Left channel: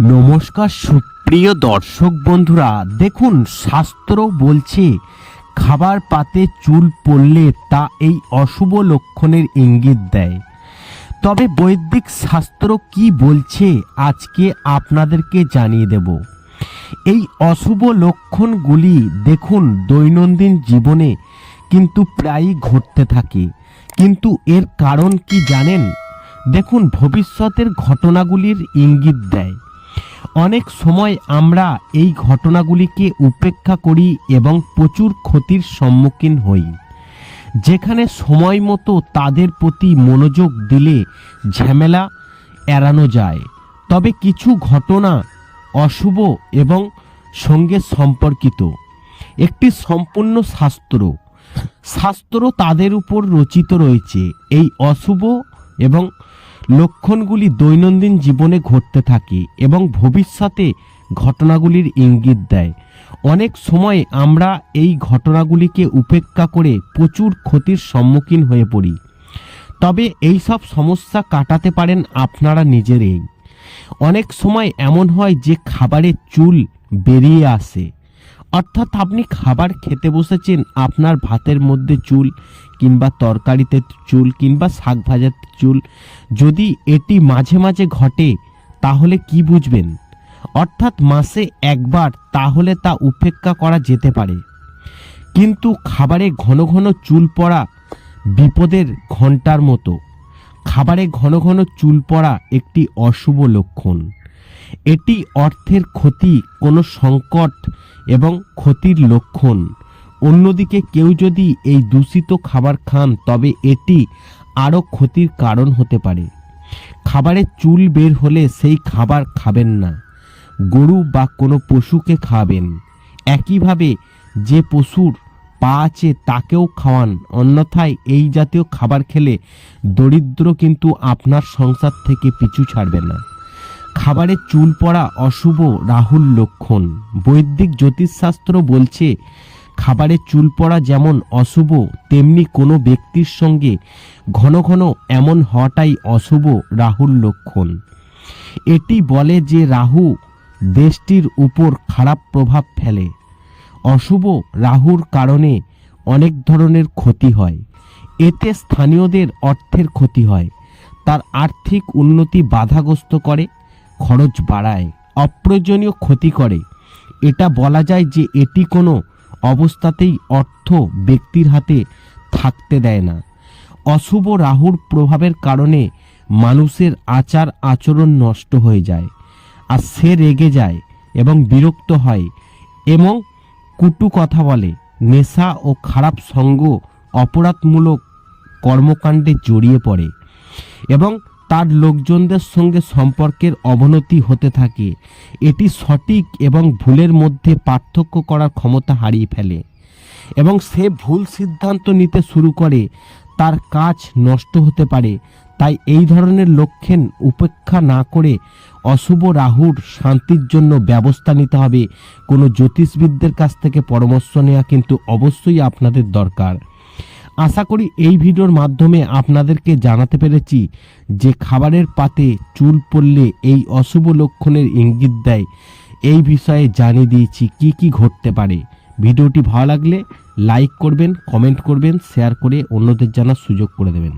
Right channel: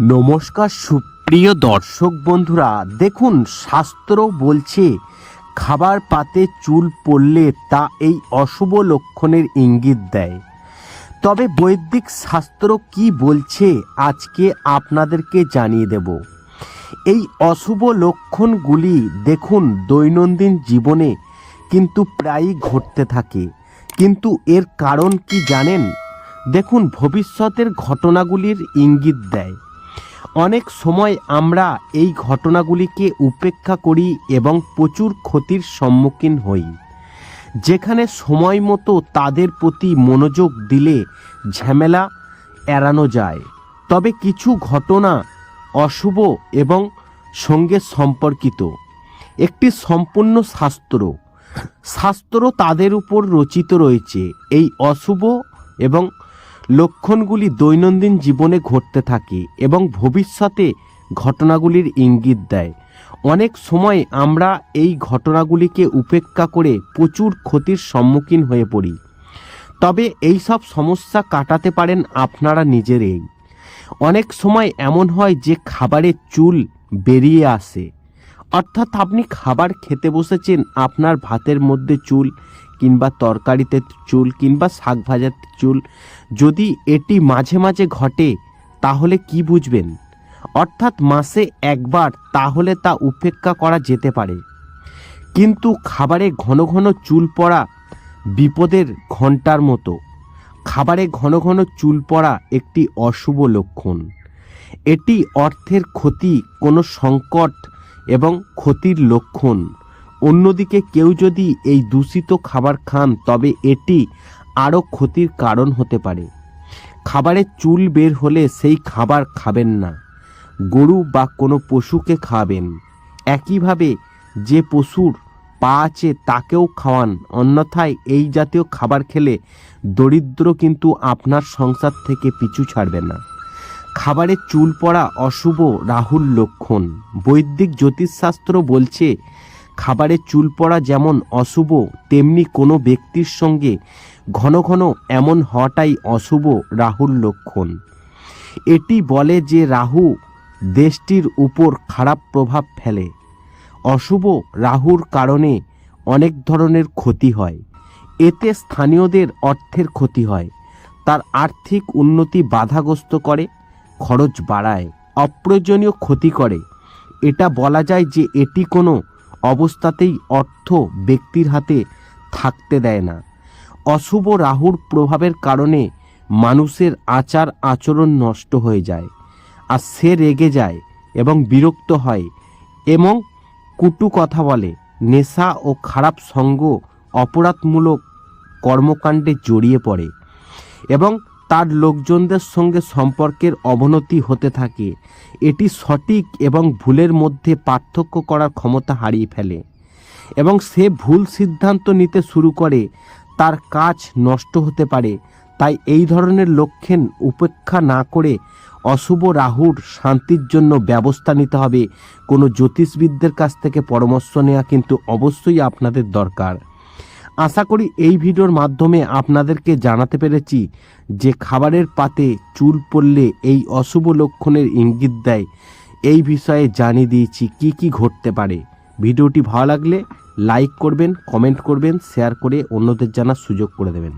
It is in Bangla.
নমস্কার সুপ্রিয় দর্শক বন্ধুরা, দেখুন শাস্ত্র বলছে, খাবার পাতে চুল পড়লে তা এই অশুভ লক্ষণের ইঙ্গিত দেয়। তবে বৈদিক শাস্ত্র কি বলছে, আজকে আপনাদেরকে জানিয়ে দেব। এই অশুভ লক্ষণগুলি দেখুন দৈনন্দিন জীবনে কিন্তু প্রায়ই ঘটতে থাকে। কিন্তু এর কারণ কি জানেন? দেখুন ভবিষ্যতের ঘটনাগুলির ইঙ্গিত দেয়। অনেক সময় আমরা এই ঘটনাগুলিকে উপেক্ষা করি এবং প্রচুর ক্ষতির সম্মুখীন হই। যেখানে সময় মতো তাদের প্রতি মনোযোগ দিলে ঝামেলা এড়ানো যায়। তবে কিছু ঘটনা অশুভ এবং সঙ্গে সম্পর্কিত। একটি সম্পূর্ণ শাস্ত্র। শাস্ত্র তাদের উপর রচিত রয়েছে। এই অশুভ এবং লক্ষণগুলি দৈনন্দিন জীবনে ঘটতে থাকে এবং ভবিষ্যতে ঘটনাগুলির ইঙ্গিত দেয়। অনেক সময় আমরা এই ঘটনাগুলিকে উপেক্ষা করে প্রচুর ক্ষতির সম্মুখীন হয়ে পড়ি। তবে এই সব সমস্যা কাটাতে পারেন আপনারা নিজেরাই। অনেক সময় এমন হয় যে খাবারের চুল বেরিয়ে আসে। অর্থাৎ আপনি খাবার খেতে বসেছেন, আপনার ভাতের মধ্যে চুল কিংবা তরকারিতে চুল কিংবা শাক ভাজার চুল, যদি এটি মাঝে মাঝে ঘটে, তাহলে কি বুঝবেন? অর্থাৎ মাসে একবার, তাহলে তা উপেক্ষা করা যেতে পারে। কিন্তু খাবারে ঘন ঘন চুল পড়া বিপদের ঘণ্টার মতো। খাবারে ঘন ঘন চুল পড়া একটি অশুভ লক্ষণ। এটি অর্থের ক্ষতি, কোনো সংকট এবং ক্ষতির লক্ষণ। অন্যদিকে কেউ যদি এই দূষিত খাবার খান, তবে এটি আরও ক্ষতির কারণ হতে পারে। খাবারে চুল বের হলে সেই খাবার খাবেন না। গরু বা কোনো পশুকে খাবেন একইভাবে যে পশুর পা আছে তাকেও খাওয়ান। অন্যথায় এই জাতীয় খাবার খেলে দরিদ্র কিন্তু আপনার সংসার থেকে পিছু ছাড়বে না। খাবারে চুল পড়া অশুভ রাহুল লক্ষণ। বৈদিক জ্যোতিষশাস্ত্র বলছে খাবারে চুল পড়া যেমন অশুভ, তেমনি কোনো ব্যক্তির সঙ্গে ঘন ঘন এমন হওয়াটাই অশুভ রাহুর লক্ষণ। এটি বলে যে রাহু দেশটির উপর খারাপ প্রভাব ফেলে। অশুভ রাহুর কারণে অনেক ধরনের ক্ষতি হয়। এতে স্থানীয়দের অর্থের ক্ষতি হয়। তার আর্থিক উন্নতি বাধাগ্রস্ত করে, খরচ বাড়ায়, অপ্রয়োজনীয় ক্ষতি করে। এটা বলা যায় যে এটি কোনো অবস্থাতেই অর্থ ব্যক্তির হাতে থাকতে দেয় না। অশুভ রাহুর প্রভাবের কারণে মানুষের আচার আচরণ নষ্ট হয়ে যায় আর সে রেগে যায় এবং বিরক্ত হয় এবং কুটু কথা বলে। নেশা ও খারাপ সঙ্গ অপরাধমূলক কর্মকাণ্ডে জড়িয়ে পড়ে এবং তার লোকজনদের সঙ্গে সম্পর্কের অবনতি হতে থাকে। এটি সঠিক এবং ভুলের মধ্যে পার্থক্য করার ক্ষমতা হারিয়ে ফেলে। এবং সে ভুল সিদ্ধান্ত নিতে শুরু করে, তার কাজ নষ্ট হতে পারে। তাই এই ধরনের লক্ষণ উপেক্ষা না করে অশুভ রাহুর শান্তির জন্য ব্যবস্থা নিতে হবে। কোনো জ্যোতিষবিদদের কাছ থেকে পরামর্শ নেওয়া কিন্তু অবশ্যই আপনাদের দরকার। আশা করি এই ভিডিওর মাধ্যমে আপনাদেরকে জানাতে পেরেছি যে খাবারের পাতে চুল পড়লে এই অশুভ লক্ষণের ইঙ্গিত দেয়। এই বিষয়ে জানিয়ে দিয়েছি কি কি ঘটতে পারে। ভিডিওটি ভালো লাগলে লাইক করবেন, কমেন্ট করবেন, শেয়ার করে অন্যদের জানার সুযোগ করে দেবেন।